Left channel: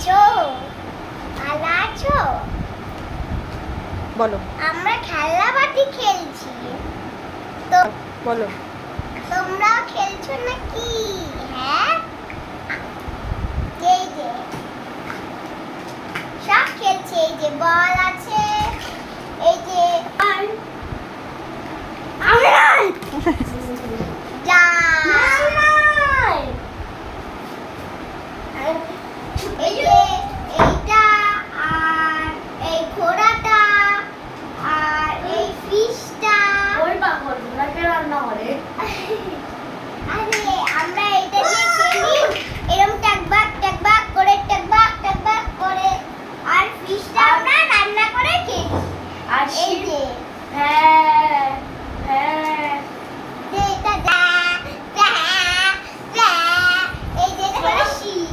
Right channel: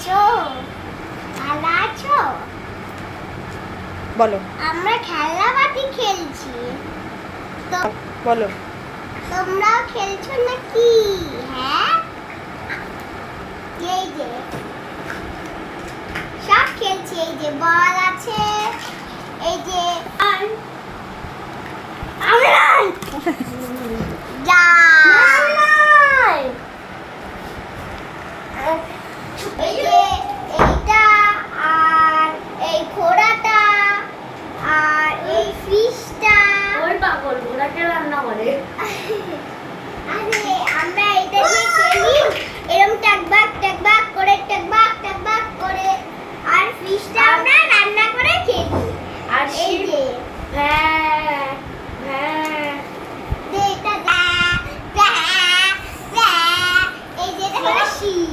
আছো? ভালো আছো? বলো আমরা খেলাবাটি খেলছি। তো বলো। তোমরাও খেলছো নাকি? হ্যাঁ, এই যে সব খেলছে। এই যে বল আছে, এই যে যা এই যে এইটা আর এই ঘোড়াটা আর এই ফিশটা। ওই পাগল ঘোড়াকে রান্না করে। আরে আমরা এটা দিয়ে খেলি, এরকম টাকবাক টাকবাক করে টাকবাক টাকবাক করে, আর ফিশটা আমরা রান্না করে খেলি। আর এই যে হ্যাঁ হ্যাঁ এটা যা যা যা, এই যে এটা হলো শিপ।